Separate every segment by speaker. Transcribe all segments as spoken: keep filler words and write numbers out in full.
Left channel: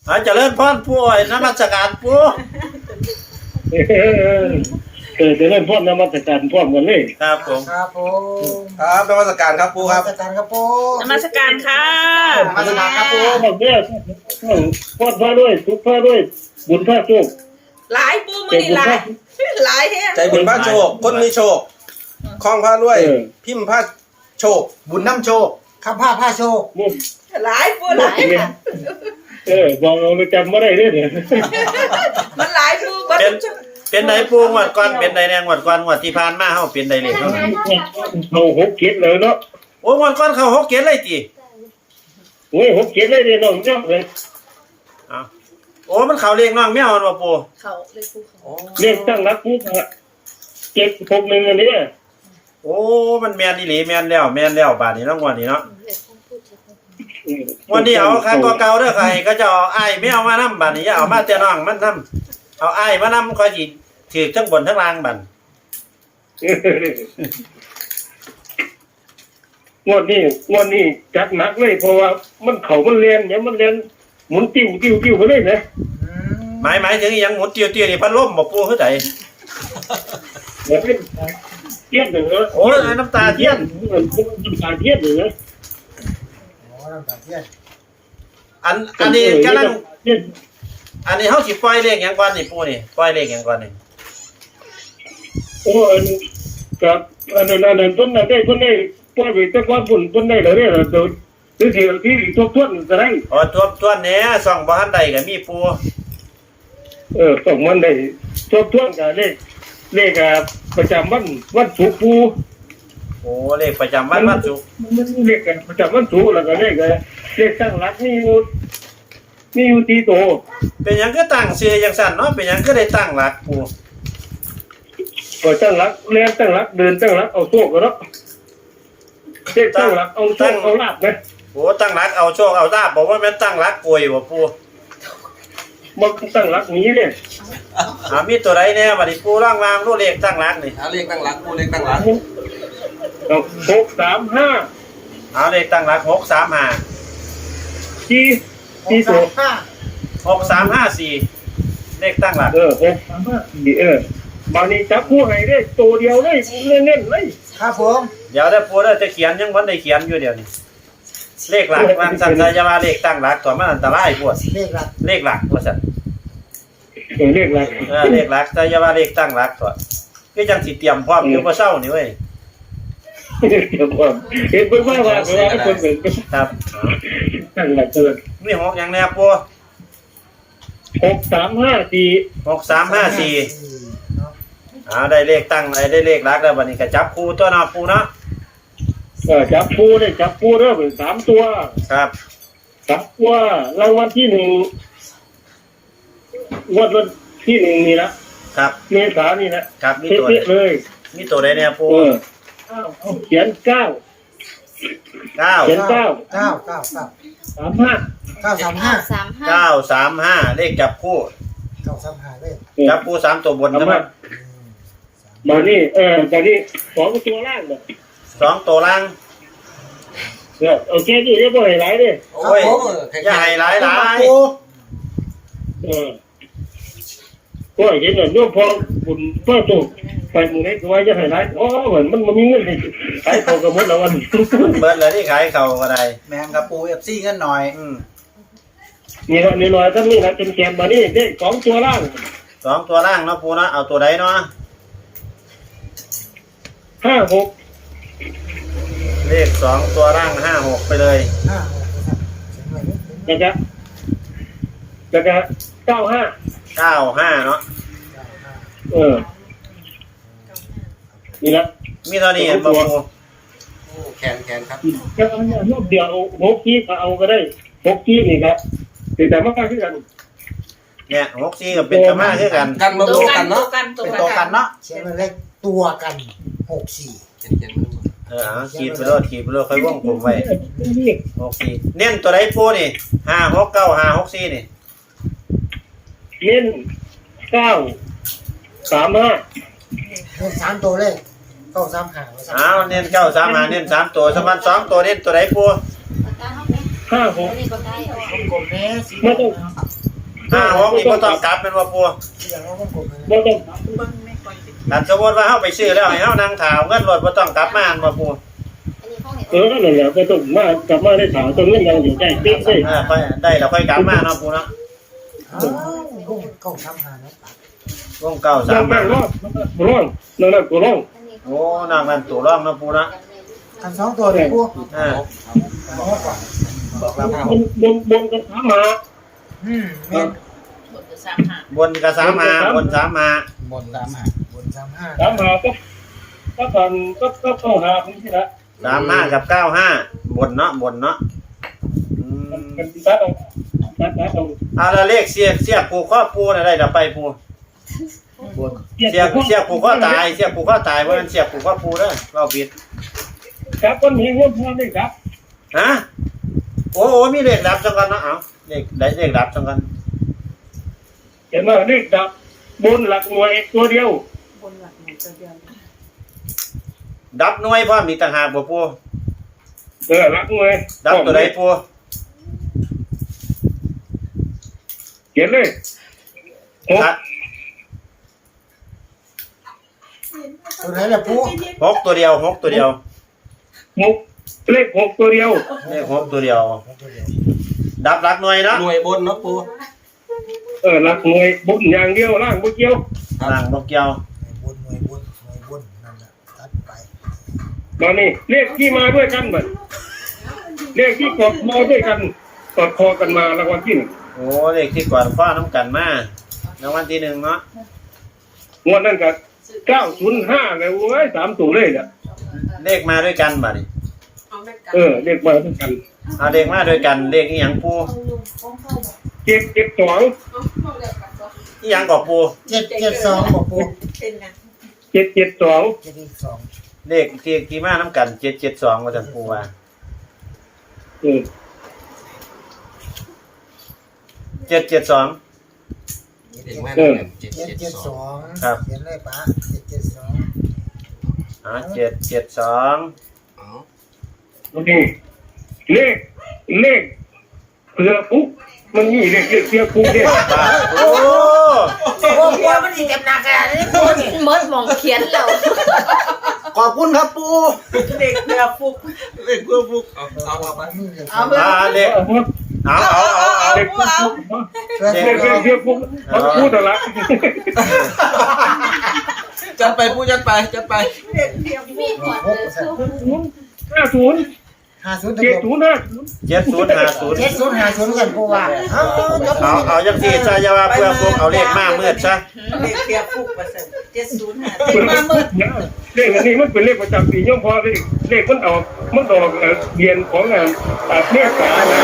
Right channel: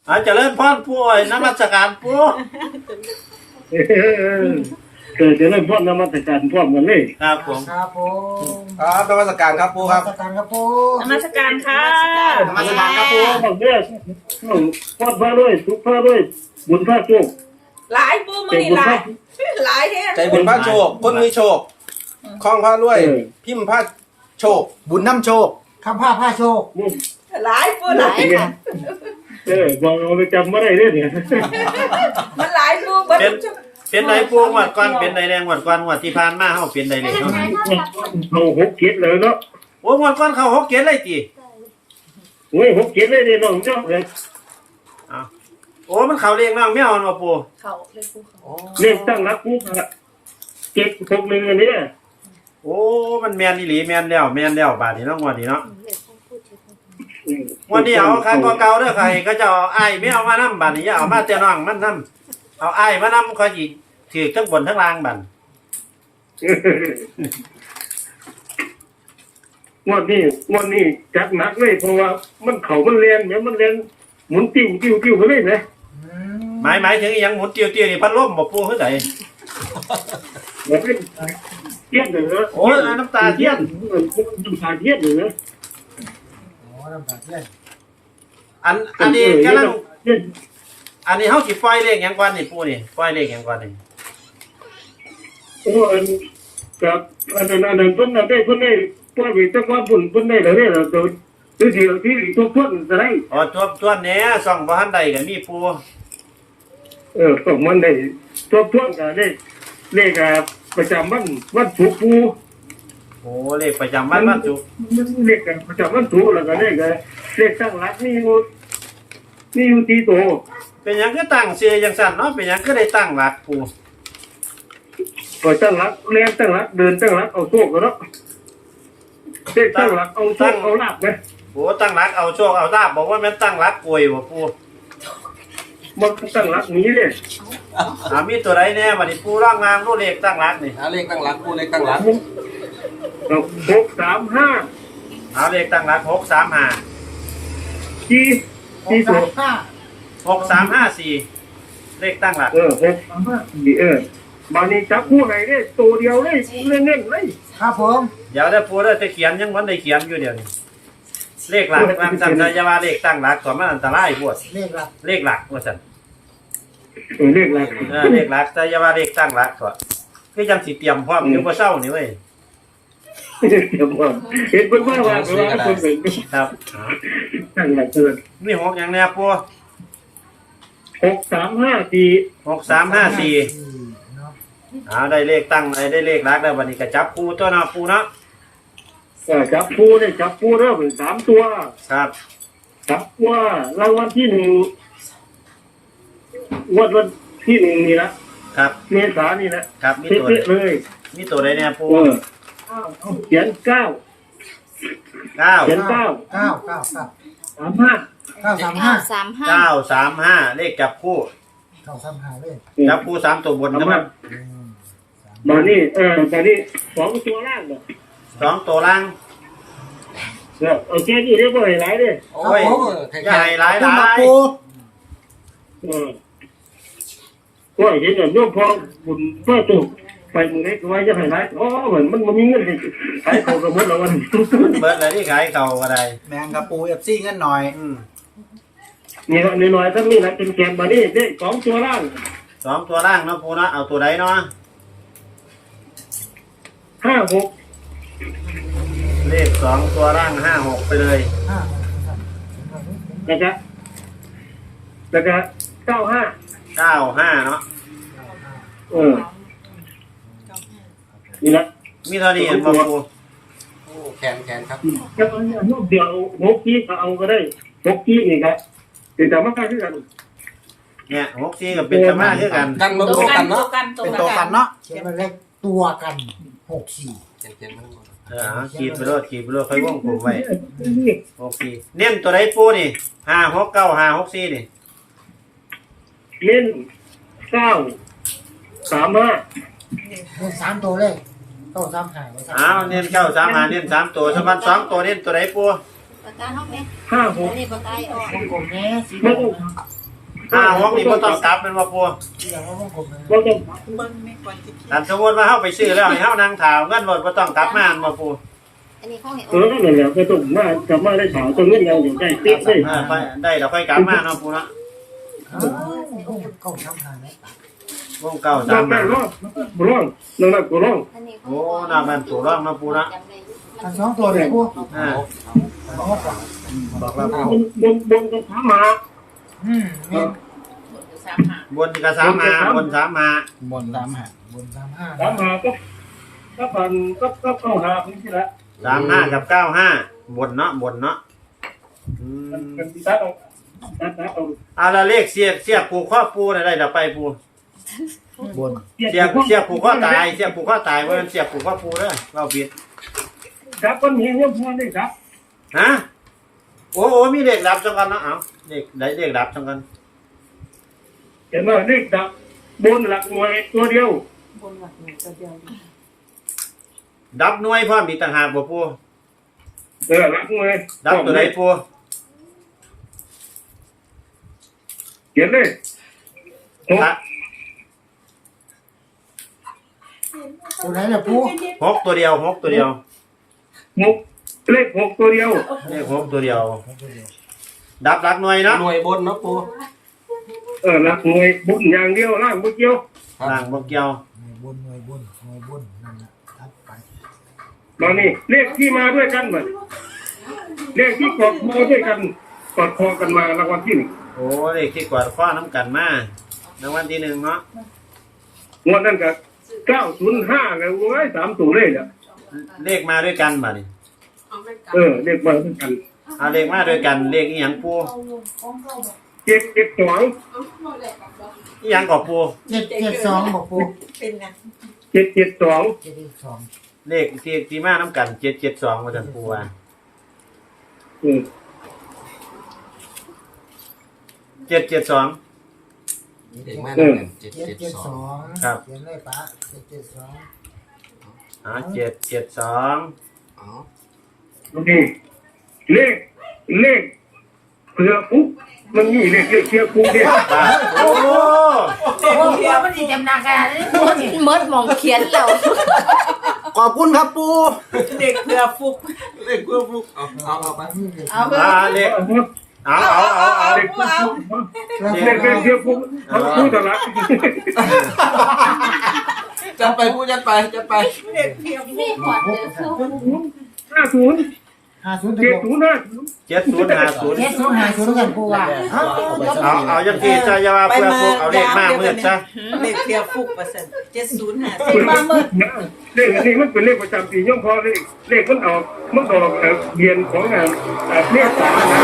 Speaker 1: อาจจะเริ่มพ่อนผู้อ่อยนมัสการผู้
Speaker 2: เกิดจะเริ่มพ่นนมัสการพ่นกันเลย
Speaker 1: ครับผม
Speaker 3: ครับผม
Speaker 4: ครับนมัสการครับปูครับ
Speaker 3: นมัสการครับปู
Speaker 5: นมัสการค่ะ
Speaker 3: นมัสการครับปู
Speaker 2: บอกเนี่ยพ่นพระด้วยทุกพระด้วยบุญพระโชค
Speaker 5: หลายปูมือนี่หลายหลายแฮะ
Speaker 4: ใจบุญพระโชคคนมีโชคคล้องพระด้วยพิมพ์พระโชค
Speaker 3: บุญน้ำโชคข้าผ้าผ้าโชค
Speaker 5: หลายปูหลายค่ะ
Speaker 2: เออบอกเราจำไม่ได้เลยเนี่ย
Speaker 5: มันหลายปูบัด
Speaker 1: เป็นเป็นไหนปูงวดก่อนเป็นไหนแดงงวดก่อนงวดที่ผ่านมาเฮาเป็นไหนเลย
Speaker 2: เราหกเกียรเลยเนาะ
Speaker 1: โอ้งวดก่อนเขาหกเกียรเลยติ
Speaker 2: โอ้ยหกเกียรเลยเนี่ยน้องเจ้าเลย
Speaker 1: อ๋อโอ้มันเขาเรียกน้องไม่เอาว่าปู
Speaker 5: เขาเรียกปูเขา
Speaker 2: เรียกตั้งรักปุ๊บเจ็ดหกหนึ่งอันนี้
Speaker 1: โอ้มันแมนอีหลีแมนแล้วแมนแล้วบาดนี้เนาะงวดนี้เนาะวันนี้เอาคันตัวเก่าเด้อใครก็จะเอาอ้ายไม่เอามานำบาดนี้อย่าเอามาแต่น้องมันนำเอาอ้ายมานำก็สิถือทั้งบนทั้งล่างบัด
Speaker 2: งวดนี้งวดนี้จัดหนักเลยเพราะว่ามันเข่ามันเรียนเนี่ยมันเรียนหมุนติ้วติ้วติ้วไปเลยนะ
Speaker 1: หมายหมายถึงยังหมุนเตี้ยวๆนี่พัดลมบ่ปูคือได
Speaker 2: แบบเป็นเทียนเหรอ
Speaker 1: โอ้ยน้ำตาเทียน
Speaker 2: น้ำตาเทียนเหรอ
Speaker 3: โอ้น้ำตาเทียน
Speaker 1: อันอันนี้กำลังอันนี้เฮาสิปล่อยเลขหยังก่อนนี่ปูนี่ปล่อยเลขหยังก่อนนี่
Speaker 2: โอ้อันกับอันนั้นอันนั้นเพิ่นได้เพิ่นได้ปล่อยไปแต่ก่อนเพิ่นเพิ่นได้แล้วเนี่ยโดนหรือที่ที่ทบทวนจะได้
Speaker 1: อ๋อทบทวนแหน่ส่องบ่ทันได้ก็มีปู
Speaker 2: เออส่งมันได้ทบทวนก็เลขเลขประจำวันวันศุกร์ปู
Speaker 1: โอ้เลขประจำวันวันศุกร์
Speaker 2: มันเลขประจำวันศุกร์แล้วก็เลขเลขตั้งหลักนี่อยู่นี่อยู่ที่โต
Speaker 1: เป็นหยังคือตั้งเสียจังซั่นเนาะเป็นหยังคือได้ตั้งหลักปู
Speaker 2: ก็ตั้งหลักเรียนตั้งหลักเดินตั้งหลักเอาโชคเนาะเลขตั้งหลักเอาโชคเอาลาภนะ
Speaker 1: โอ้ตั้งหลักเอาโชคเอาลาภบอกว่าแม่นตั้งหลักป่วยบ่ปู
Speaker 2: มันตั้งหลักนี้เนี่ย
Speaker 1: อ่ามีตัวใดแน่บัดนี้ปูร่างวางรูเลขตั้งหลักนี่
Speaker 4: หาเลขตั้งหลักปูเลขตั้งหลัก
Speaker 2: เอาหกสามห้า
Speaker 1: เอาเลขตั้งหลักหกสามห้า
Speaker 2: สี่สี่ตัว
Speaker 1: หกสามห้าสี่เลขตั้งหลัก
Speaker 2: เออหกสามห้าสี่เออบางนี้จับคู่ให้ได้ตัวเดียวเลยเน้นๆเลย
Speaker 3: ครับผม
Speaker 1: เดี๋ยวได้ปูได้จะเขียนยังวันได้เขียนอยู่เดี๋ยวนี้เลขหลักวางสั่นจะว่าเลขตั้งหลักตัวมันอันตรายพวก
Speaker 3: เลขหลัก
Speaker 1: เลขหลักว่าสั่น
Speaker 2: เออเลขหลัก
Speaker 1: เออเลขหลักแต่อย่าว่าเลขตั้งหลักตัวก็ยังสิเตรียมพร้อมอยู่บ่เช้านี่เว้ย
Speaker 2: เดี๋ยวผมเห็นเพิ่นว่าว่าเพิ่นว่าคนเป็น
Speaker 1: ครับ
Speaker 2: ตั้งหลักเกิน
Speaker 1: มีหกอย่างแน่ปู
Speaker 2: หกสามห้าสี่
Speaker 1: หกสามห้าสี่อ่าได้เลขตั้งได้เลขหลักแล้วบัดนี้ก็จับคู่ตัวเนาะปูเนาะ
Speaker 2: เออจับปูได้จับปูเริ่มสามตัว
Speaker 1: ครับ
Speaker 2: จับว่ารางวัลที่หนึ่งวันวันที่หนึ่งนี่ละ
Speaker 1: ครับ
Speaker 2: เมษานี่นะครับ
Speaker 1: มีตัว
Speaker 2: เลย
Speaker 1: มีตัวใดเนี่ยปู
Speaker 2: เออเขียนเก้า
Speaker 1: เก้า
Speaker 2: เขียนเก้า
Speaker 3: เก้าเก้าเก้า
Speaker 2: สามห้า
Speaker 3: เก้าสามห้า
Speaker 5: สามห้า
Speaker 1: เก้าสามห้าเลขจับคู่
Speaker 3: เก้าสามห้าเลข
Speaker 1: จับคู่สามตัวบนนะครับ
Speaker 2: บานี่เออบานี่สองตัวล่างบ่
Speaker 1: สองตัวล่าง
Speaker 2: เออโอเคนี่เรียบร้อยหลายเด้
Speaker 1: โอ้ยใหญ่หลายหลาย
Speaker 2: เออก็เห็นเรื่องพอบุญเพื่อตัวไปมือไหนก็ว่าจะให้หลายอ๋อเหมือนมันมันมีเงินให้ขายของก็หมดแล้ววัน
Speaker 1: เบิดเลยที่ขายเขาอะไร
Speaker 3: แมงกะปูเอฟซีเงินหน่อย
Speaker 1: อืม
Speaker 2: นี่ละนี่หน่อยทั้งนี้นะเป็นแกนบานี่ได้สองตัวล่าง
Speaker 1: สองตัวล่างเนาะปูเนาะเอาตัวใดเนาะ
Speaker 2: ห้าหก
Speaker 1: เลขสองตัวล่างห้าหกไปเลย
Speaker 2: แล้วก็แล้วก็เก้าห้า
Speaker 1: เก้าห้าเนาะ
Speaker 2: เออนี่ละ
Speaker 1: มีเท่านี้ปู
Speaker 4: โอ้แขนแขนครับ
Speaker 2: แล้วอันนี้รูปเดียวหกกี้ก็เอาก็ได้หกกี้อีกครับแต่แต่มาคือกัน
Speaker 1: เนี่ยหกกี้กับเป็นธรรมะคือกัน
Speaker 4: กันมาตัวกันเนาะ
Speaker 3: เป็นตัวกันเนาะเขียนมาเลขตัวกันหกสี่
Speaker 1: เออขีดไปเลยขีดไปเลยค่อยวงกลมไว้หกสี่เน้นตัวไหนปูนี่ห้าหกเก้าห้าหกสี่นี่
Speaker 2: เน้นเก้าสามห้า
Speaker 3: เน้นสามตัวเลยเก้าสามห้า
Speaker 1: อ้าวเน้นเก้าสามห้าเน้นสามตัวสมันสองตัวเน้นตัวไหนปู
Speaker 2: ห้าหก
Speaker 3: กลมแม่สี
Speaker 2: ไม่ต้อง
Speaker 1: ห้าหกนี่บ่ต้องกลับเป็นว่าปู
Speaker 3: อย่างว่าวงกลมเลย
Speaker 2: บ่ต้อง
Speaker 1: ถ้าสมมติว่าเฮาไปซื้อแล้วให้เฮานั่งถาวเงินรถบ่ต้องกลับมาบ่ปู
Speaker 6: อันนี้ข้องเห็น
Speaker 2: เออนั่นแหละก็ต้องมากลับมาได้ถามตรงนี้ยังอยู่ใกล้เป๊ะเลย
Speaker 1: เออค่อยได้แล้วค่อยกลับมาเนาะปูเนาะ
Speaker 3: อ้าววงเก้าทำหาไหม
Speaker 1: วงเก้า
Speaker 2: ลอ
Speaker 1: สาง ม
Speaker 2: แม่รอบร้องนั่นน่ะกูร้อง
Speaker 6: อันนี้
Speaker 1: โอ้นอกนั้นตัวร่องเนาะปูเนาะ
Speaker 3: อันสองตัวเลยปู
Speaker 1: เออ
Speaker 3: บอกว่า
Speaker 1: บอกว่า
Speaker 2: บนบนบนกันถามมา
Speaker 3: อืมแม่น
Speaker 1: บนก็สามมาบนสามมา
Speaker 3: บนสามห้าบนสามห้า
Speaker 2: ถามหาก็ก็ผ่านก็ก็เข้าหาคนที่ละ
Speaker 1: สามห้ากับเก้าห้าบนเนาะบนเนาะอืม
Speaker 2: กันตัดเอาตัดตัดเอา
Speaker 1: เอาละเลขเสียกเสียกผูกข้อปูน่ะได้เดี๋ยวไปปู
Speaker 3: บน
Speaker 1: เสียกเสียกผูกข้อตายเสียกผูกข้อตายเพราะมันเสียกผูกข้อปูเด้อเราผิด
Speaker 2: ครับคนนี้ว่าพอได้ครับ
Speaker 1: ฮะโอ้โหมีเลขดับจังกันเนาะเอาเลขได้เลขดับจังกัน
Speaker 2: เห็นว่าเลขดับบนหลักหน่วยตัวเดียว
Speaker 1: ดับหน่วยพร้อมมีต่างหากบ่ปู
Speaker 2: เออหลักหน่วย
Speaker 1: ดับตัวใดปู
Speaker 2: เขียนเลยหก
Speaker 1: ฮะ
Speaker 3: ตัวไหนล่ะปู
Speaker 1: หกตัวเดียวหกตัวเดียว
Speaker 2: หกเลขหกตัวเดียว
Speaker 1: เลขหกตัวเดียว ดับหลักหน่วยเนาะ
Speaker 4: หน่วยบนเนาะปู
Speaker 2: เออหลักหน่วยบนอย่างเดียวล่างบ่เกี่ยว
Speaker 1: ล่างบ่เกี่ยว
Speaker 3: บนหน่วยบนหน่วยบนนั่นแหละตัดไป
Speaker 2: มานี่เลขที่มาด้วยกันเหมือนเลขที่กดมาด้วยกันกดคอกันมารางวัลที่หนึ่ง
Speaker 1: โอ้เลขที่ก่อนฟ้าน้ำกันมารางวัลที่หนึ่งเนาะ
Speaker 2: งวดนั้นก็เก้าศูนย์ห้าเลยโอ้ยสามตัวเลยเนี่ย
Speaker 1: เลขมาด้วยกันบัดนี้
Speaker 2: เออเลขมาด้วยกัน
Speaker 1: เอาเลขมาด้วยกันเลขอีหยังปู
Speaker 2: เจ็ดเจ็ดสอง
Speaker 1: อีหยังก็ปู
Speaker 3: เจ็ดเจ็ดสองบอกปู
Speaker 5: เป็นไง
Speaker 2: เจ็ดเจ็ดสอง
Speaker 3: เจ็ดสอง
Speaker 1: เลขที่ที่มาน้ำกันเจ็ดเจ็ดสองว่าจะปูว่า
Speaker 2: เออ
Speaker 1: เจ็ดเจ็ดสอง
Speaker 4: เด็กแม่น
Speaker 2: เออ
Speaker 4: เจ็ด
Speaker 3: เจ็ด
Speaker 4: เจ็ด
Speaker 3: เจ็ด
Speaker 4: ส
Speaker 3: ส
Speaker 4: อ
Speaker 3: อง ง
Speaker 1: ครับ
Speaker 3: เขียนเลยปะเจ็ดเจ็ดสอง
Speaker 1: อ่าเจ็ดเจ็ดสอง
Speaker 4: อ๋อ
Speaker 2: โอเคเลขเลขเผื่อปุ๊บมันมีเลขเลขเผื่อปุ๊บเนี่ย
Speaker 1: โอ้โห
Speaker 3: โอ้โหมันสิเต็มหนักอ่ะนี่ปูนี่
Speaker 6: เมิดมองเขียนแล้ว
Speaker 4: ขอบคุณครับปู
Speaker 5: เด็กเรือฟุก
Speaker 4: เลขเพื่อฟุกเอาเอาเอาไป
Speaker 3: นี่เลย
Speaker 5: เอาเพื่อ
Speaker 1: อ่าเลข
Speaker 2: เอา
Speaker 1: เอาเอาเอาเอา
Speaker 2: เลขเผื่อปุ๊บ
Speaker 3: เพื่อ
Speaker 2: เลขเลขเผื่อปุ๊บเขาพูดอะไร
Speaker 4: จัดไปปูจัดไปจัดไป
Speaker 5: เด็กเพียง
Speaker 3: หกเปอร์เซ็นต์
Speaker 2: ห้าศูนย์
Speaker 3: ห้าศูนย์
Speaker 2: เจ็ด
Speaker 3: ตัว
Speaker 2: ศูนย์ห้าศูนย์
Speaker 1: เจ็ดศูนย์ห้าศูนย์
Speaker 3: เจ็ดศูนย์ห้าศูนย์กันปูว่าเอายก
Speaker 1: เอาเอายังที่จะว่าเพื่อพวกเอาเลขมาเมื่อซะ
Speaker 5: เด็กเพียงฟุกเปอร์เซ็นต์เจ็ดศูนย์ห้าสิบมาเมื่อ
Speaker 2: เลขอันนี้มันเป็นเลขประจำปีย่อมพอเลขเลขมันออกมันออกเรียนของงานเมษานะ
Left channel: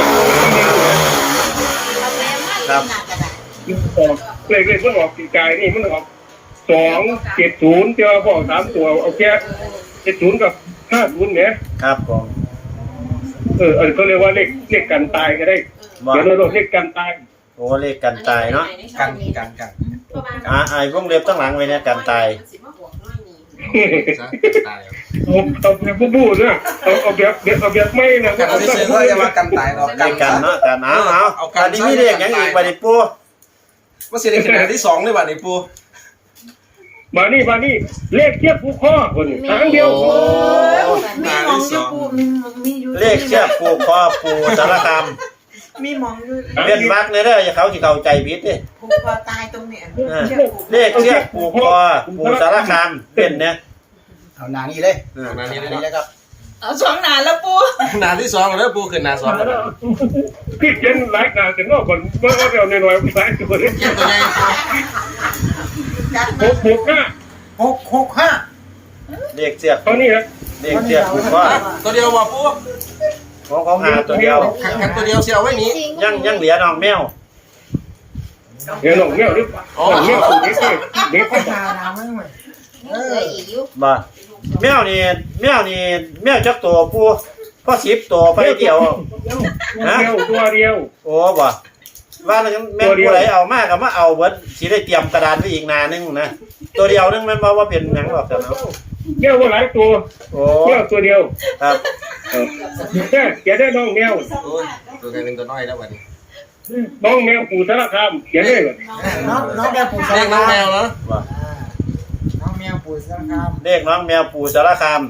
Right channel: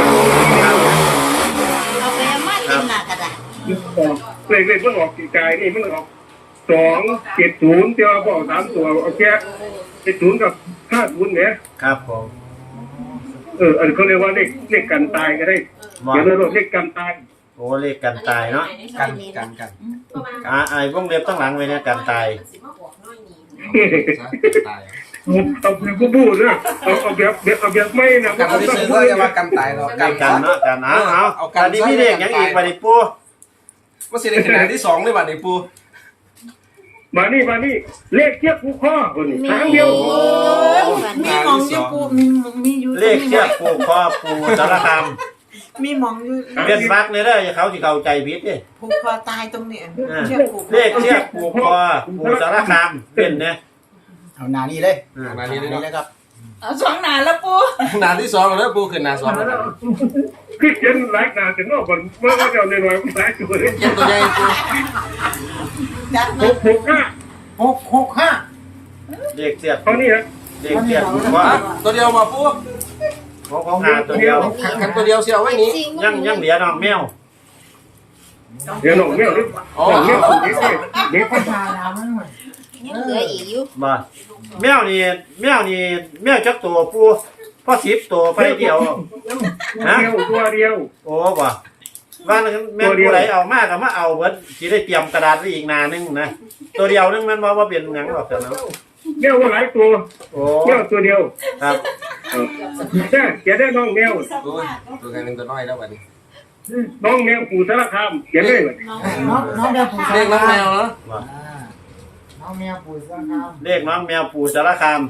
Speaker 1: ครับ
Speaker 2: ออกเลขเลขมันออกปีกายนี่มันออกสองเจ็ดศูนย์เจ้าบอกสามตัวเอาแค่เจ็ดศูนย์กับห้าศูนย์เนี่ย
Speaker 1: ครับผม
Speaker 2: เออเออเขาเรียกว่าเลขเลขกันตายก็ได้
Speaker 1: ว่า
Speaker 2: เดี๋ยวเราเลขกันตาย
Speaker 1: โอ้เลขกันตายเนาะ
Speaker 4: กันกันกัน
Speaker 1: อ่าไอ้วงเล็บตั้งหลังไว้เนี่ยกันตาย
Speaker 4: ซะตาย
Speaker 2: เอาเอาแบบบู๊ๆเนี่ยเอาเอาแบบแบบเอาแบบไม่นะ
Speaker 4: กัน
Speaker 2: เอา
Speaker 4: ที่
Speaker 2: แบบ
Speaker 4: ซื้อ
Speaker 2: บู๊
Speaker 4: ก็จะว่ากันตายเรา
Speaker 1: เล
Speaker 4: กัน
Speaker 1: ขกันเนาะกันเอาเอา
Speaker 4: เอากั
Speaker 1: อั
Speaker 4: น
Speaker 1: นนี้มีเลขยังอีกบัดนี้ปู
Speaker 4: ว่าสิได้ขนาดที่สองเลยบัดนี้ปู
Speaker 2: มานี่มานี่เลขเทียบผู้ข้อคนทางเดียว
Speaker 5: มีมองอยู่ปูมีมีอยู่
Speaker 1: เลขเชือกผูกคอปูสารคาม
Speaker 5: มีมองอยู่
Speaker 1: เป็นวักเนี่ยเด้ออย่าเขาสิเข้าใจผิดเด้
Speaker 5: ผูกคอตายตรงเนี้ย
Speaker 1: อ่า
Speaker 5: เชือกผูก
Speaker 1: เลขเชือกผูกคอปูสารคามเป็นเนี่ย
Speaker 3: เอาหนานี่เลย
Speaker 4: นานี้เลย
Speaker 3: เลยครับ
Speaker 5: เอาสองหนาแล้วปู
Speaker 4: หนาที่สองแล้วปูขึ้นหนาสองแล้ว
Speaker 2: คือเจนหลายงานแต่นอกคนเมื่อเราเอาหน่อยๆหลายตัวเลย
Speaker 4: เก็บตัวใหญ่ปู
Speaker 2: หกหกห้า
Speaker 3: หกหกห้า
Speaker 1: เลขเชือก
Speaker 2: เขานี่นะ
Speaker 1: เลขเชือกผูกคอ
Speaker 4: ตัวเดียวว่าปู
Speaker 1: ของของหาตัวเดียว
Speaker 4: กันตัวเดียวเสียวไว้นี้
Speaker 1: ยังยังเหลือน้องแมว
Speaker 2: เดี๋ยวหลงเงี้ยหรือหลงเงี้ยคนนี้เด็ก
Speaker 3: ก็หาดาวมันเหมือน
Speaker 6: ยังเหลืออีกอยู่
Speaker 1: บ่แมวนี่แมวนี่แมวจักตัวปูก็สิบตัวไปเดียว
Speaker 2: ตัวเดียวตัวเดียว
Speaker 1: โอ้บ่ว่าแล้วแม่นผู้ใดเอามาก็มาเอาเบิดสิได้เตรียมกระดานไว้อีกหนานึงนะตัวเดียวนึงแม่นบ่ว่าเป็นหยังหรอกเนาะ
Speaker 2: เงี้ยว่าหลายตัว
Speaker 1: โอ้
Speaker 2: เงี้ยตัวเดียว
Speaker 1: ครับ
Speaker 2: เออแค่แกได้น้องแมว
Speaker 4: โอ้ยตัวกันหนึ่งตัวน้อยแล้วบัดนี้
Speaker 2: น้องแมวปู่สารคามเขียนเลยว่า
Speaker 3: น้องน้องแมวปู่สา
Speaker 4: เรี
Speaker 3: ร
Speaker 4: ยกน้อง
Speaker 3: คาม
Speaker 4: แมวเนาะ
Speaker 3: อ่าน้องแมวปู่สารคาม
Speaker 1: เลขน้องแมวปู่สารคาม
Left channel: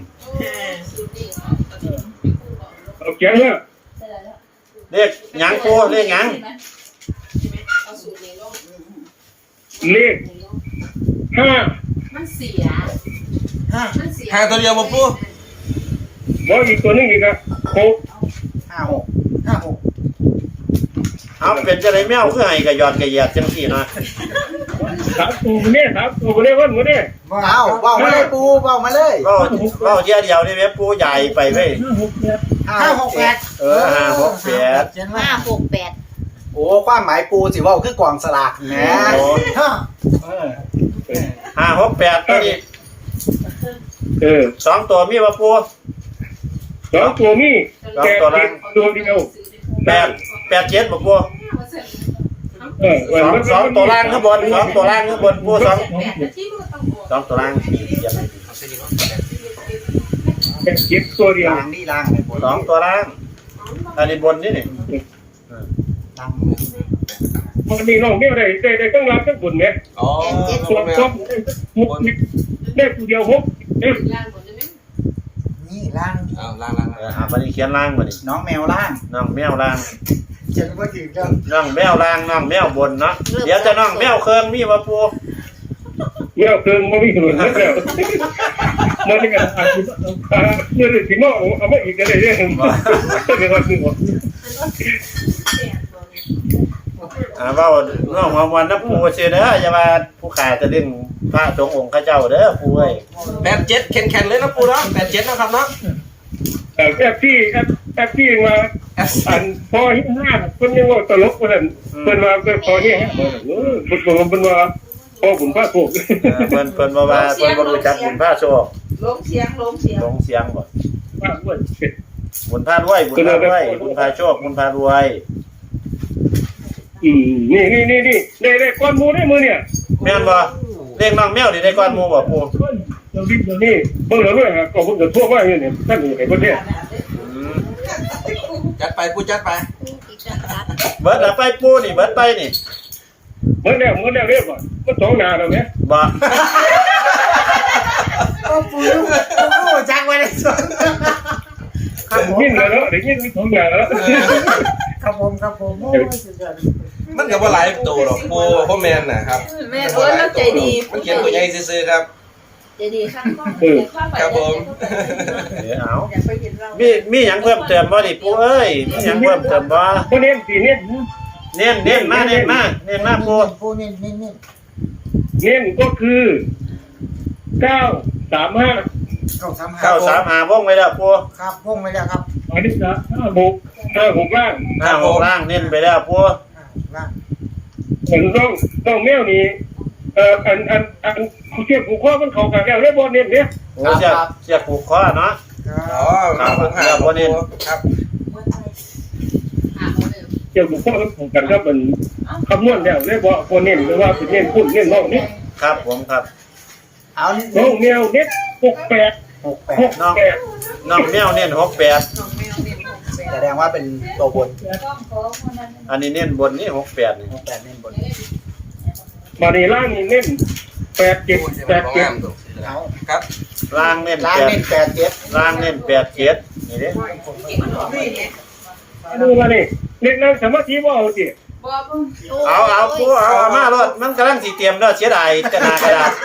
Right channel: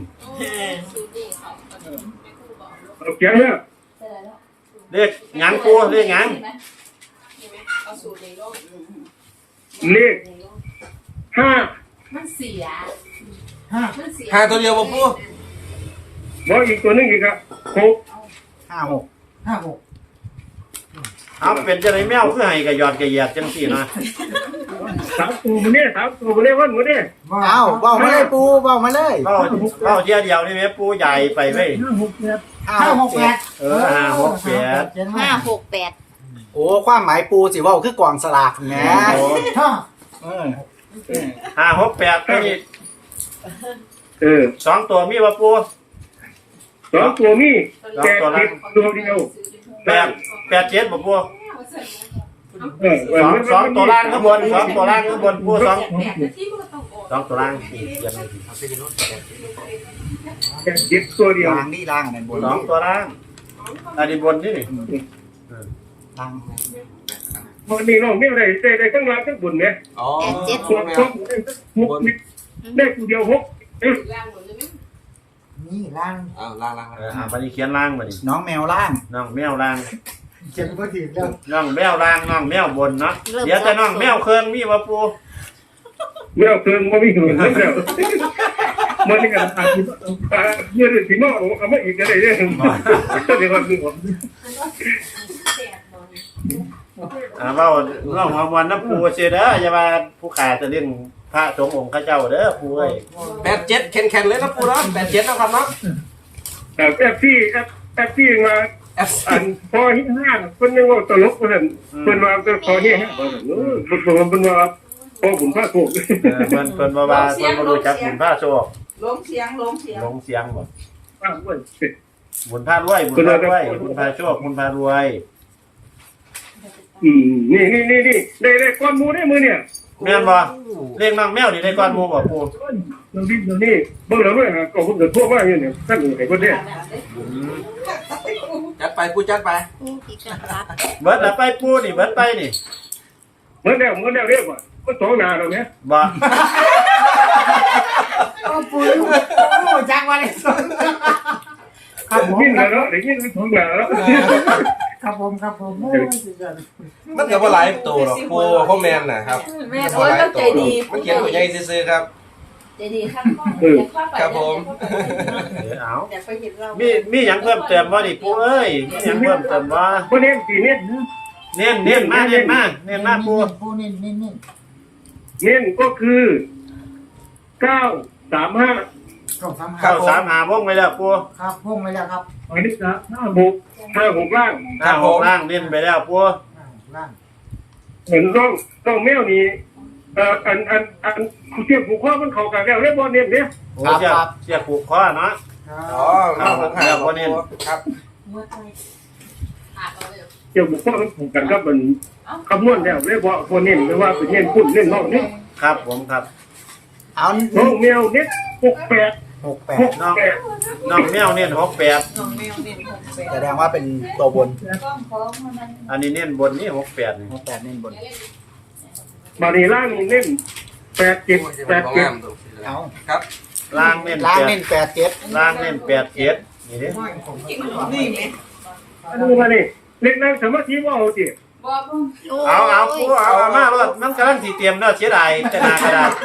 Speaker 2: เอาเขียนเลย
Speaker 1: เลขหยังปูเลขหยัง
Speaker 5: เอาสูตรในโลก
Speaker 2: เลขห้า
Speaker 5: มันเสีย
Speaker 3: ห้า
Speaker 5: มันเสีย
Speaker 4: หาตัวเดียวบ่ปู
Speaker 2: บอกอีกตัวนึงอีกอะหก
Speaker 3: ห้าหกห้าหก
Speaker 1: เอาเป็นจะได้แมวคือให้กระยอดกระเหยียดจังสี่มา
Speaker 2: สามตัวมันเนี่ยสามตัวมันเนี่ยวันมันเนี่ย
Speaker 3: ว้าวว้าวมาเลยปูว้าวมาเลย
Speaker 1: ก็ก็เที่ยวเดียวนี่แม่ปูใหญ่ไปเว้ย
Speaker 2: ห้าหกแปด
Speaker 3: ห้าหกแปด
Speaker 1: เออห้าหกแปด
Speaker 3: เจ็ด
Speaker 6: ห้า
Speaker 3: ห้า
Speaker 6: หกแปด
Speaker 7: โอ้ความหมายปูสิว่าคือกล่องสลากแหม
Speaker 3: ห้า
Speaker 7: เออ
Speaker 1: ห้าหกแปดตัวนี้
Speaker 2: เออ
Speaker 1: สองตัวมีว่าปู
Speaker 2: สองตัวมีแปดเจ็ดตัวเดียว
Speaker 1: แปดแปดเจ็ดบ่ปู
Speaker 2: เออ
Speaker 1: สองสองตัวล่างข้างบนสองตัวล่างข้างบนปูสอง
Speaker 5: แปดนาทีมันก็ต้องออก
Speaker 1: สองตัวล่างสี่เหยียบ
Speaker 2: แปดเจ็ดตัวเดียว
Speaker 7: ล่างนี่ล่างไหนบน
Speaker 1: สองตัวล่างอันนี้บนนี่นี่
Speaker 7: ล่าง
Speaker 2: มันมีน้องเมียวได้ได้ได้ทั้งล่างทั้งบนเนี่ย
Speaker 4: อ๋อ
Speaker 2: ตัว
Speaker 4: แม
Speaker 2: สอ
Speaker 4: ว
Speaker 2: งหกได้ตัวเดียวหกเอ้ย
Speaker 5: ล่างหมดเลยไหม
Speaker 3: นี่ล่าง
Speaker 4: เอาล่างล่าง
Speaker 1: เออหาบันนี้เขียนล่างมาดิ
Speaker 7: น้องแมวล่าง
Speaker 1: น้องแมวล่าง
Speaker 3: เจ็ดว่าถึงแล้ว
Speaker 1: น้องแมวล่างน้องแมวบนเนาะเดี๋ยวจะน้องแมวเครื่องมีว่าปู
Speaker 2: เมียวเกินมันไม่ถึงแล้วมันนี่ก็อาจจะเมื่อถึงน้องเอามาอีกก็ได้เนี่ยเดี๋ยววันนึง
Speaker 1: อ่าเว่าน้องหอมวันนะปูเสียเด้ออย่าว่าผู้ขายจะดึงพระสงฆ์องค์ข้าเจ้าเด้อปูเอ้ย
Speaker 4: แปดเจ็ดแข็งๆเลยนะปูเนาะแปดเจ็ดนะครับเนาะ
Speaker 2: แต่แอปที่แอปแอปที่มาอันพอหิ้งห้าคนยังว่าตลกคนนั้นคนมาก็พอหิ้งห้าเออคนคนมาพอผมพระโขก
Speaker 1: เออเพิ่นเพิ่นบ่ว่าเพิ่นบ่รู้จักบุญพระโชค
Speaker 5: ล้มเสียงล้มเสียง
Speaker 1: ลงเสียงบ่
Speaker 2: พระอ้วน
Speaker 1: บุญพารวยบุญพารวยบุญพาโชคบุญพารวย
Speaker 2: อืมนี่นี่นี่นี่ได้ได้ก้อนมูได้มือเนี่ย
Speaker 1: แม่นบ่เลขน้องแมวนี่ได้ก่อนหมู่บ่ปู
Speaker 2: เราดิ้นเรานี่เบิ่งเราด้วยครับก็ผมจะทั่วว่าอย่างนี้ท่านอยู่ไหนคนเนี้ย
Speaker 1: อืม
Speaker 4: จัดไปปูจัดไป
Speaker 6: ที่จะรัก
Speaker 1: เบิดแล้วไปปูนี่เบิดไปนี่
Speaker 2: เมื่อแล้วเมื่อแล้วเรียกว่ามันสองนาเราเนี่ย
Speaker 1: บ่
Speaker 3: โอ้ปูลูกปูลูกจังวันเลยสุดครับผม
Speaker 2: นิ่งแล้วเดี๋ยวนี้มันสองนาแล้ว
Speaker 3: ครับผมครับผมโอ้ยสุดยอด
Speaker 4: มันก็บ่หลายตัวหรอกปูพ่อแมนนะครับ
Speaker 5: แม่โอ้ยเราใจดี
Speaker 4: มันเขียนตัวใหญ่ซื่อๆครับ
Speaker 5: ใจดีข้างข้างอยากข้างไป
Speaker 4: ครับผม
Speaker 1: เดี๋ยวเอา
Speaker 5: อยากไปเห็นเรา
Speaker 1: มีมีหยังเพิ่มเติมบ่นี่ปูเอ้ยมีหยังเพิ่มเติมบ่
Speaker 2: คนเนี้ยสีเนี้ย
Speaker 1: เน้นเน้นมาเน้นมาเน้นมาปู
Speaker 3: ปูนี่นี่นี่
Speaker 2: เนี้ยก็คือเก้าสามห้า
Speaker 3: เก้าสามห้า
Speaker 1: เข้าสามหาวงไว้แล้วปู
Speaker 3: ครับพุ่งไปแล้วครับ
Speaker 2: อันนี้จะห้าหกห้าหกล่าง
Speaker 1: ห้าหกล่างเน้นไปแล้วปู
Speaker 3: อ่าล่าง
Speaker 2: เห็นต้องต้องแมวนี่เอ่ออันอันอันเทียบผูกข้อมันเข้ากันแล้วเรียบร้อยเนี่ยเนี่ย
Speaker 1: โอ้เสียเสียผูกคอเนาะ
Speaker 3: ครั
Speaker 4: อ๋อบ มาหกหาบ่ปูครับ
Speaker 2: เทียบผูกข้อมันเข้ากันครับมันคำนวณแล้วเรียบร้อยคนเน้นหรือว่าเป็นเน้นพุ่นเน้นน้องนี่
Speaker 1: ครับผมครับ
Speaker 7: เอา
Speaker 2: น้องแมวเน็ตหกแปด
Speaker 7: หกแป
Speaker 2: ห
Speaker 7: ด
Speaker 2: ก
Speaker 1: น้อง
Speaker 2: แปด
Speaker 1: น้องแมวเน้นหกแปด
Speaker 7: แสดงว่าเป็นตัวบน
Speaker 1: อันนี้เน้นบนนี่หกแปดนี่
Speaker 7: หกแปดเน้นบน
Speaker 2: บารีล่างนี่เน้นแปดเจ็ดแปดเจ็ด
Speaker 7: เอา
Speaker 4: ครับ
Speaker 1: ล่างเน้น
Speaker 7: ล่าง
Speaker 1: แปด
Speaker 7: เน้นแปดเจ็ด
Speaker 1: ล่างเน้นแปดเจ็ดนี่เด้
Speaker 2: อันนี้มานี่เล็กนั่งสมาธิว่าเอาสิ
Speaker 5: บอก
Speaker 1: เอาเอาปูเอาเอามารถมันกำลังสีเตรียมแล้วเสียดายจะนากระดาษ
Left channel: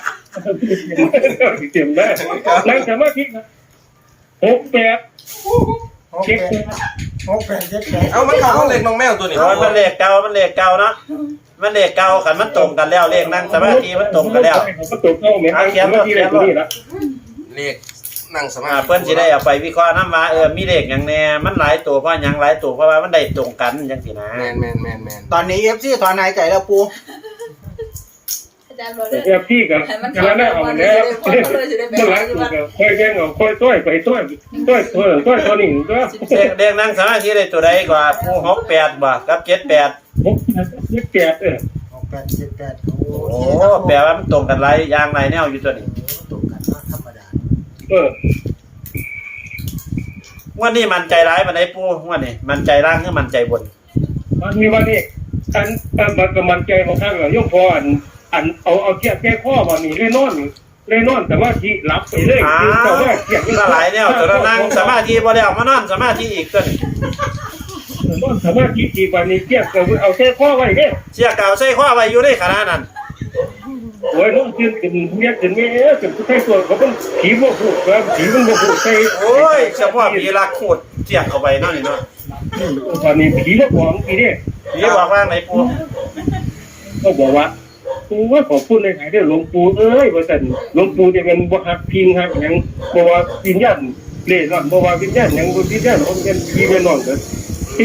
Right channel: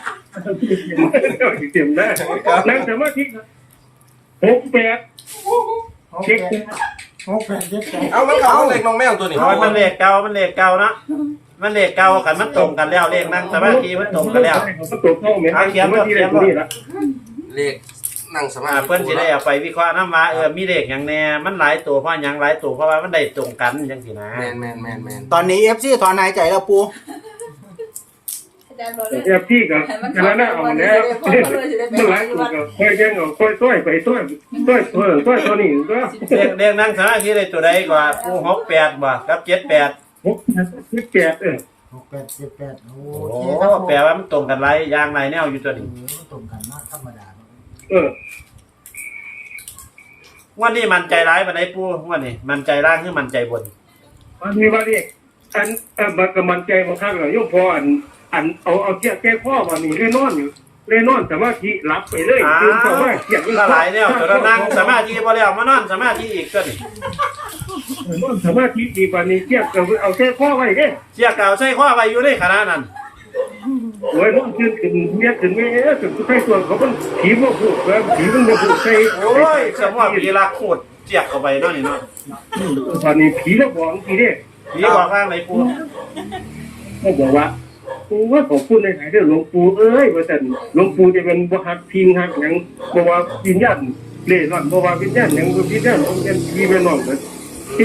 Speaker 2: เตรียมได้นั่งสมาธิหกแปด
Speaker 3: หก
Speaker 2: เช็ค
Speaker 3: แปดหกแปดเจ็ดแปด
Speaker 4: เอามันเข้าห้องเล็กน้องแมวตัวนี้
Speaker 1: โอ้ยมันเลขเก่ามันเลขเก่าเนาะมันเลขเก่าขันมันตรงกันแล้วเลขนั่งสมาธิมันตรงกันแล้ว
Speaker 2: เขาตกเข้าไหมสมาธิอะไรตัวนี้ละ
Speaker 4: เลขนั่งสมา
Speaker 1: อ่า
Speaker 4: ธิ
Speaker 1: เพิ่นสิได้เอาไปวิเคราะห์นำว่าเออมีเลขหยังแน่มันหลายตัวเพราะหยังหลายตัวเพราะว่ามันได้ตรงกันจังซี่นะ
Speaker 4: แมนแมนแมนแมน
Speaker 7: ตอนนี้เอฟซีถอนหายใจแล้วปู
Speaker 5: อาจารย์บอกเลย
Speaker 2: แอบพี่กับกระนั้นเอาแล้วเมื่อไหร่ตัวก็ค่อยแย่งเอาค่อยต้อยไปต้อยต้อยตัวต้อยตัวนี้ก็
Speaker 1: เลขเลขนั่งสมาธิได้ตัวใดกว่าปูหกแปดบ่กับเจ็ดแปด
Speaker 2: หกยี่สิบแปดเออ
Speaker 3: หกแปดเจ็ดแปดโอ
Speaker 1: โอ้
Speaker 3: เคครับผม
Speaker 1: แปลว่ามันตรงกันหลายอย่างหลายแนวอยู่ตัวนี้
Speaker 3: ตรงกันว่าธรรมดา
Speaker 2: เออ
Speaker 1: งวันนี้มันใจร้ายปานใดปูงวันนี้มันใจล่างหรือมันใจบน
Speaker 2: วันนี้วันนี้อันเออมันก็มันใจบางครั้งเราโยมพออันอันเอาเอาเทียบแก้ข้อมานี่เล่นนอนอยู่เล่นนอนแต่ว่าที่หลับไปเลยคือแต่ว่าเทียบ
Speaker 1: หลายเนี่ยตัวนั่งสมาธิบ่แล้วมานอนสมาธิอีกตัวนี้
Speaker 2: นอนสมาธิดีกว่านี้เทียบกับเอาแก้ข้อไว้เด้
Speaker 1: เสียเก่าใส่ข้อไว้อยู่ในขณะนั้น
Speaker 2: โอ้ยนอนขึ้นขึ้นเรียกขึ้นไม่เอ๊ะขึ้นใส่ตัวเขาเป็นผีบ่พูดแบบผีมันบ่พูดใส่
Speaker 1: โอ้ยสมว่าผีรักโคตรเสียเข้าไปนั่นนี่เนาะ
Speaker 2: ตอนนี้ผีละหวงผีเด้
Speaker 1: ผีบอกว่าไหนปู
Speaker 2: ก็บอกว่าปูว่าขอพูดในไหนเด้อหลวงปู่เอ้ยว่าแต่หลวงปู่จะเป็นบ่ฮักพิงฮักหยังบ่ว่าวิญญาณเล่ร่อนบ่ว่าวิญญาณหยังบ่วิญญาณองค์เป็นผีเป็นน้องเด้อที่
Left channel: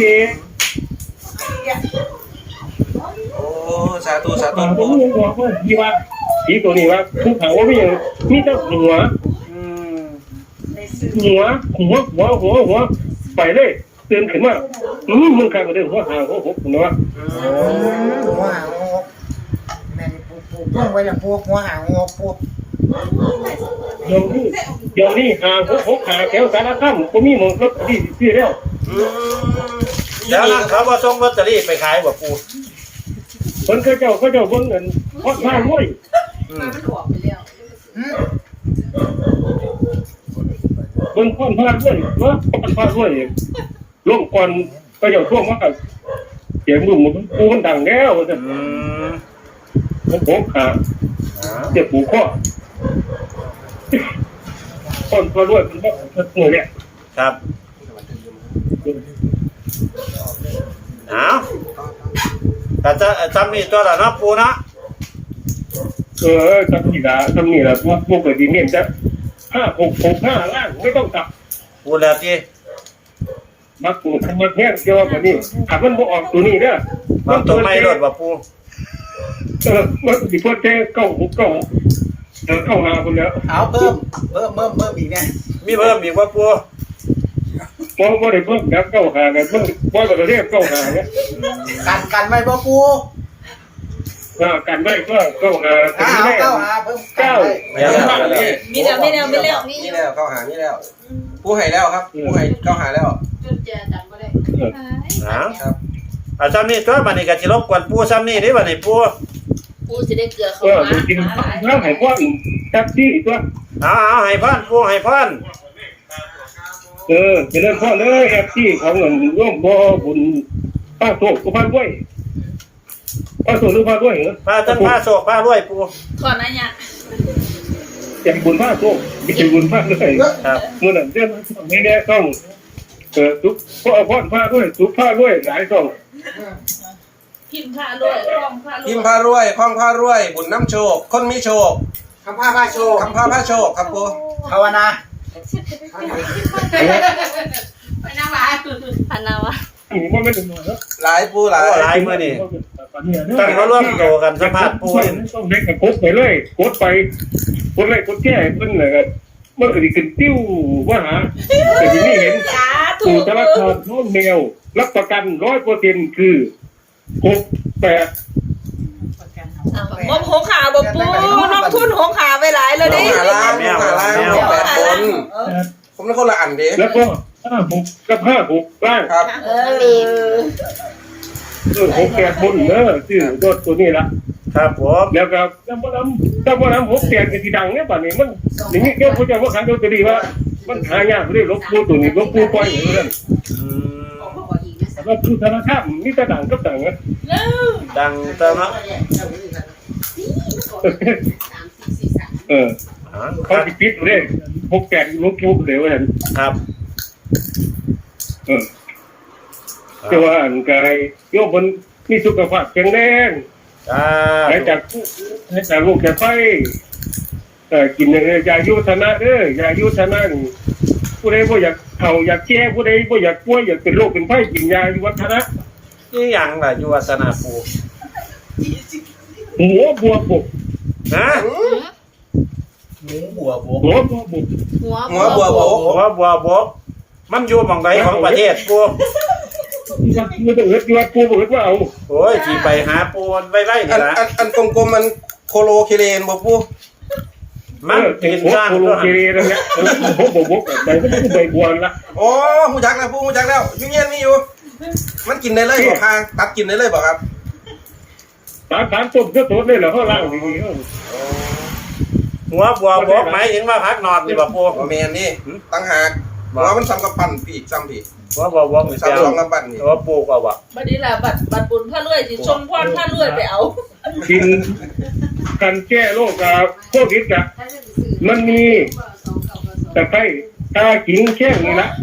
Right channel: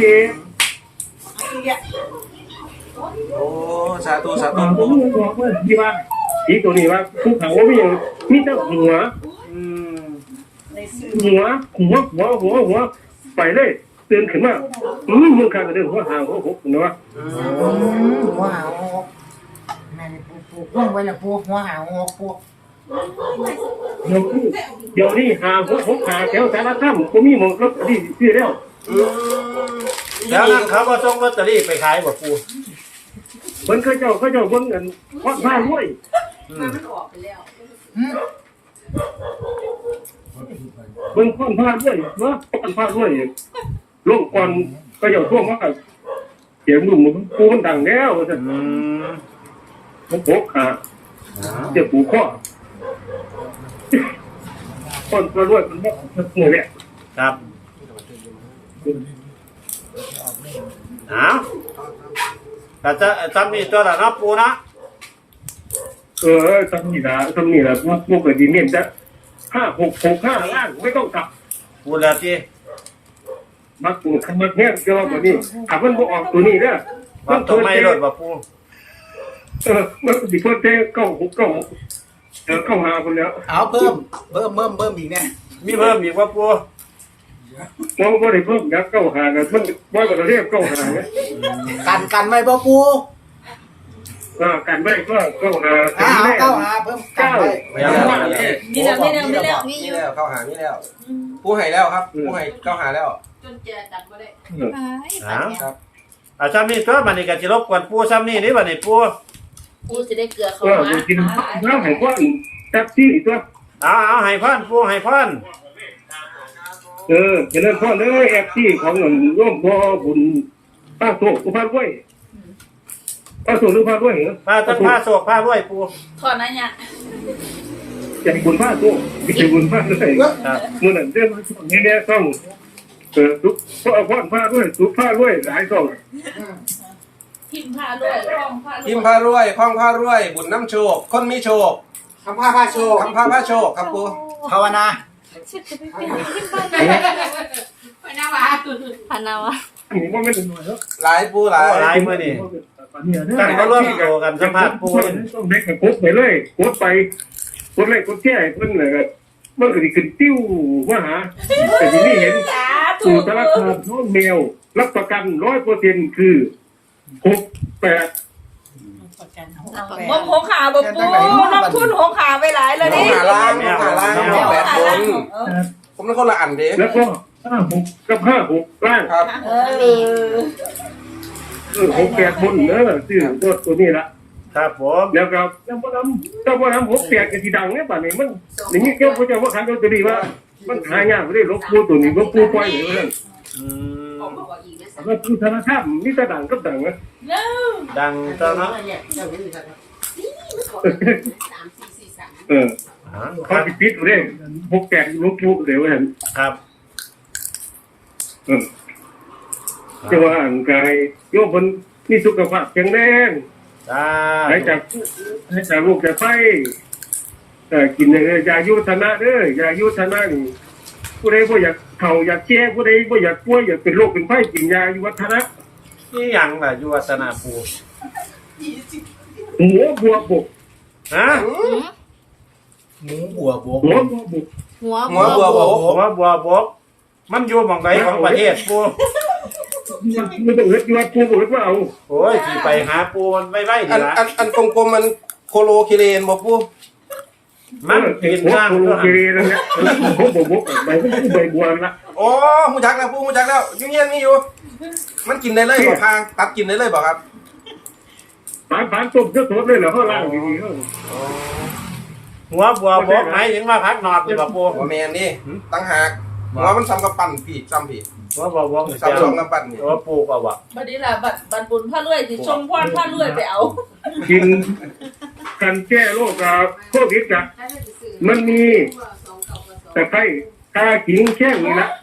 Speaker 4: โอ้สาธุสาธุ
Speaker 2: ผม
Speaker 4: ปู
Speaker 2: บอกว่าที่ว่าผีตัวนี้ว่าภูเขาว่ามีอย่างมีแต่หัว
Speaker 1: อืม
Speaker 2: หัวหัวหัวหัวหัวไปเลยตื่นขึ้นมาอืมมึงข้างก็เด้อหัวหางหัวหกเนาะ
Speaker 3: หัวหางงกแม่นี่ปูปูพ่วงไว้ละปูหัวหางงกปู
Speaker 2: เดี๋ยวนี้เดี๋ยวนี้หาหัวหกหาแถวสารคามบ่มีหมองรถดีซื้อแล้ว
Speaker 4: อืม
Speaker 1: แล้วนั้นเขาบ่ส่งลอตเตอรี่ไปขายบ่ปู
Speaker 2: เพิ่นเขาเจ้าเขาเจ้าเบิ่งเงินพอดมาด้วย
Speaker 5: มันมันออกไปแล้ว
Speaker 3: อืม
Speaker 2: เบิ่งพอดมาด้วยเนาะพอดมาด้วยลงก่อนเขาเจ้าท่วงว่าเสียงมึงมันปูมันดังแล้วว่าซั่น
Speaker 1: อืม
Speaker 2: มันหกหาเจ็บปูข้อพอดมาด้วยมันบ่มันหมู่เนี่ย
Speaker 1: ครับอ้าวแต่จะจำมีตัวละเนาะปูนะ
Speaker 2: เออทำนี่ละทำนี่ละพวกพวกเกิดดีเนี่ยจะห้าหกหกห้าล่างไม่ต้องกลับ
Speaker 1: ปูแล้วที่
Speaker 2: มาปูทำมาแค่เดียวแบบนี้ขับมันบ่ออกตัวนี้เด้อ
Speaker 1: มันตรงในรถบ่ปู
Speaker 2: เออมันสิเพิ่นเต้เก้าหกเก้าเออเข้าหาคนแล้ว
Speaker 7: เอาเพิ่มเพิ่มเพิ่มเพิ่มอีกเนี่ย
Speaker 1: มีเพิ่มอีกว่าปู
Speaker 2: เพราะว่าได้เพิ่มแล้วเก้าหากันมันว่าก็เรียกเก้าหาเนี่ย
Speaker 7: กันกันไว้บ่ปู
Speaker 2: อ่ากันไว้ก็เก้าหาถึ
Speaker 7: เอา
Speaker 2: งแน่
Speaker 7: เก้าหาเพิ่มกัน
Speaker 2: เก้า
Speaker 7: ไว้
Speaker 4: ไม่แล้วไม่แล้ว
Speaker 5: มีแล้วมีแล้วมีแล้ว
Speaker 6: มีอ
Speaker 4: นี่
Speaker 6: ยู่
Speaker 4: แล้วเข้าหานี่แล้วปูให้แล้วครับปูให้เข้าหาแล้ว
Speaker 5: จนเจอจันบ่ได้
Speaker 1: อ้าว
Speaker 4: ครับ
Speaker 1: เอาจำนี่ตัวบัดนี้ก็สิรบกวนปูจำนี่เด้บัดนี้ปู
Speaker 6: กูสิได้เกลือเขา
Speaker 2: เออ
Speaker 6: มา
Speaker 2: กินแล้วให้พ่อแท็กซี่ตัว
Speaker 1: เอาเอาให้พรปูให้พร
Speaker 2: เออจะเริ่มพ่อเลยแท็กซี่ของเงินร่วมพ่อบุญป้าโตกุพานด้วยป้าโตหรือป้าด้วยเหรอ
Speaker 1: พาจังพาโศกพารวยปู
Speaker 5: ก่อนนะเนี่ย
Speaker 2: จะบุญป้าโตไม่ใช่บุญป้าเลย
Speaker 1: ครับ
Speaker 2: เมื่อนั้นเรื่องนี้เนี่ยต้องเออทุกพ่อพ่อผ้าด้วยทุกผ้าด้วยหลายต้อง
Speaker 5: พิมพ์ผ้าด้วยรองผ้า
Speaker 4: พิมพ์พารวยคล้องพารวย บุญน้ำโชค คนมีโชค
Speaker 7: คำพาพาโชว์
Speaker 4: คำพาพาโชคครับปู
Speaker 7: ภาวนา
Speaker 5: ไปหน้าบ้าน
Speaker 6: พันนาวะ
Speaker 2: อันนี้ว่าไม่ถึงหน่อยแล้ว
Speaker 4: หลายปูหลาย
Speaker 1: หลายมื้อนี่ตั้งมาร่วมโตกันสัมภาษณ์ปู
Speaker 2: ต้องเล็กกับกดไปเลยกดไปกดเลยกดแก้เพิ่นเลยครับมันก็สิขึ้นติ้วว่าหาแต่ที่นี่เห็น
Speaker 5: สาธุ
Speaker 2: สู่ธนาคารน้องแมวรับประกันร้อยเปอร์เซ็นต์คือหกแปด
Speaker 5: งบหกขาบ่ปูลงทุนหกขาไปหลายแล้ว
Speaker 4: ต้อ
Speaker 5: ดิ
Speaker 4: งหาล่างต้องหาล่างต้องแปดบน ผมเป็นคนละอันเด้
Speaker 2: แล้วก็ห้าหกกับห้าหกล่าง
Speaker 4: ครับ
Speaker 5: เออ
Speaker 2: เออหกแปดบนเนอะซื้อรถตัวนี้ละ
Speaker 1: ครับผม
Speaker 2: แล้วก็ถ้าว่าน้ำถ้าว่าน้ำหกแปดจะสีดังเนี่ยป่านนี้มันอย่างนี้เกี่ยวกับจะว่าขันตัวดีว่ามันหายากเลยลบปูตัวนี้ลบปูปล่อยอย่างนั้น
Speaker 1: อืม
Speaker 2: แล้วคือธนาคารมีแต่ดังกับดังนะ
Speaker 1: ดังตัวเนาะ
Speaker 2: เออ
Speaker 1: อ๋อค
Speaker 2: เขา
Speaker 1: รับ
Speaker 2: ติดปิดเลยหกแปดลบปูเดี๋ยวเห็น
Speaker 1: ครับ
Speaker 2: เออจะว่าอันกายโยมคนมีสุขภาพแข็งแรง
Speaker 1: อ่า
Speaker 2: หายจากหายจากโรคจากไฟเออกินเออยายุทนะเด้อยายุทนะนี่ผู้ใดบ่อยากเข่าอยากแก้ผู้ใดบ่อยากป่วยอยากเป็นโรคเป็นไฟกินยายุวัฒนะ
Speaker 1: นี่หยังล่ะอยู่วัฒนาปู
Speaker 2: หัวบัวบก
Speaker 1: ฮะ
Speaker 7: หมูบัวบวก
Speaker 2: หัวบัวบก
Speaker 6: หัว
Speaker 4: หัวบัวโบก
Speaker 1: หัวบัวบกมันอยู่หม่องใดของประเทศปู
Speaker 2: มันมันต้องเอิดอยู่วัดปูบ่เอิดว่าเอา
Speaker 1: โอ้ยสิไปหาปูมันไว้ไล่
Speaker 4: อั
Speaker 1: นี่
Speaker 4: น
Speaker 1: ล่ะ
Speaker 4: อันอันกลมๆมันโคโลคิเลนบอกปู
Speaker 2: ม
Speaker 1: มัน
Speaker 2: เออ
Speaker 1: กิน
Speaker 2: หัว
Speaker 1: ย่าง
Speaker 2: โคโลเกเรแล้วเนี่ยผมบอกบอกไปมันก็ใบบัวละ
Speaker 4: โอ้หูจักแล้วปูหูจักแล้วอยุ่งเงี้ยมีอยู่ มันกินได้เลยบอกพาตัดกินได้เลยบอกครับ
Speaker 2: ปานปานต้มสดๆเลยเหรอเขาล่างดีๆเขา
Speaker 1: หัวบัวบกหมายถึงว่าพักนอนนี่บ่ปู
Speaker 4: โอแมนนี่ตั้งหากหัวมันซ้ำกับปั่นพี่ซ้ำพี่
Speaker 1: หัวบัวบก
Speaker 4: ซ้ำสองกับปั่นนี่
Speaker 1: หัวปูก็ว่า
Speaker 6: บัดนี้ล่ะบัดบัดบุญพระรวยสิชงพรพระรวยไปเอา
Speaker 2: กินกันแก้โรคกับโควิดอะมันมีตะไคร้ตาขิงแข้งนี่ละ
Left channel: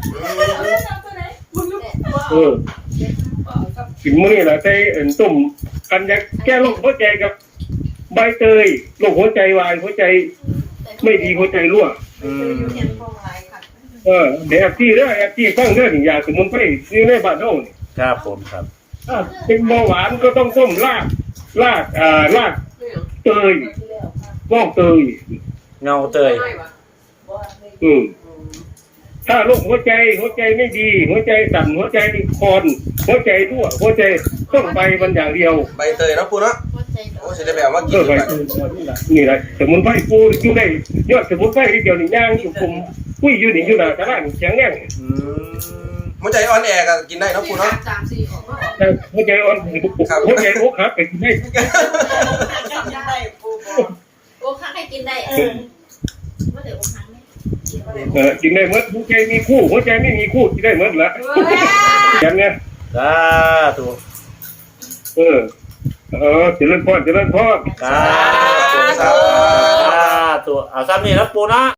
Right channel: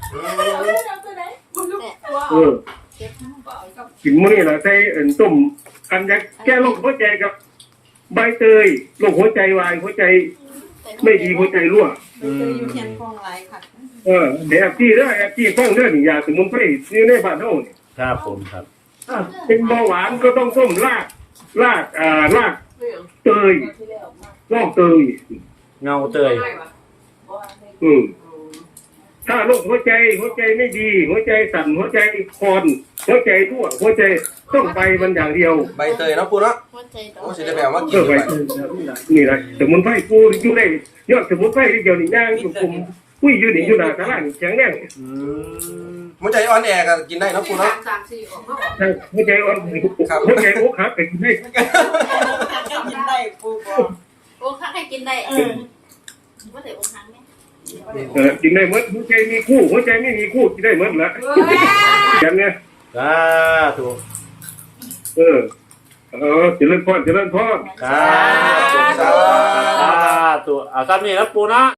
Speaker 2: เออกินมื้อนี้แหละใส่เอ็นต้มกันยาแก้โรคหัวใจกับใบเตยโรคหัวใจวายหัวใจไม่ดีหัวใจรั่ว
Speaker 1: อืม
Speaker 2: เออเดี๋ยวแอปที่เด้อแอปที่ฟังเด้อนี่ยาสมุนไพรนี่ในบ้านเฮานี่
Speaker 1: ครับผมครับ
Speaker 2: ถ้าเป็นเบาหวานก็ต้องต้มรากรากอ่ารากเตยงอกเตย
Speaker 1: เงาเตย
Speaker 2: อืมถ้าโรคหัวใจหัวใจไม่ดี หัวใจสั่นหัวใจคอนหัวใจรั่วหัวใจต้องไปมันอย่างเดียว
Speaker 4: ใบเตยเนาะปูเนาะ
Speaker 6: หัวใจดอ
Speaker 4: โอ้
Speaker 6: ก
Speaker 4: สิได้แบบว่ากิ
Speaker 2: เอน อไป
Speaker 4: ไป
Speaker 2: นี่แหละสมุนไพรปูอยู่ได้ยอดสมุนไพรที่เดียวนี่ย่างอยู่กลุ่มกุ้ยอยู่นี่อยู่หน้าตลาดนี่แข็งแรง
Speaker 1: อืม
Speaker 4: หัวใจอ่อนแอก็กินได้เนาะปูเนาะ
Speaker 5: สามสี่ออกมาออก
Speaker 2: ถ้าหัวใจอ่อนหัวใจอกหักก็กินได้
Speaker 5: ได้ปูบอก
Speaker 6: โอ้ข้างให้กินได้ว่าแต่โอ้ข้างเนี่ย
Speaker 2: เออกินได้หมดหัวใจมีคู่หัวใจไม่มีคู่กินได้หมดละอย่างเนี้ย
Speaker 1: สาธุ
Speaker 2: เออเออเจริญพรเจริญพร
Speaker 1: สาธุสาธุเอาซ้ำนี่แล้วปูนะ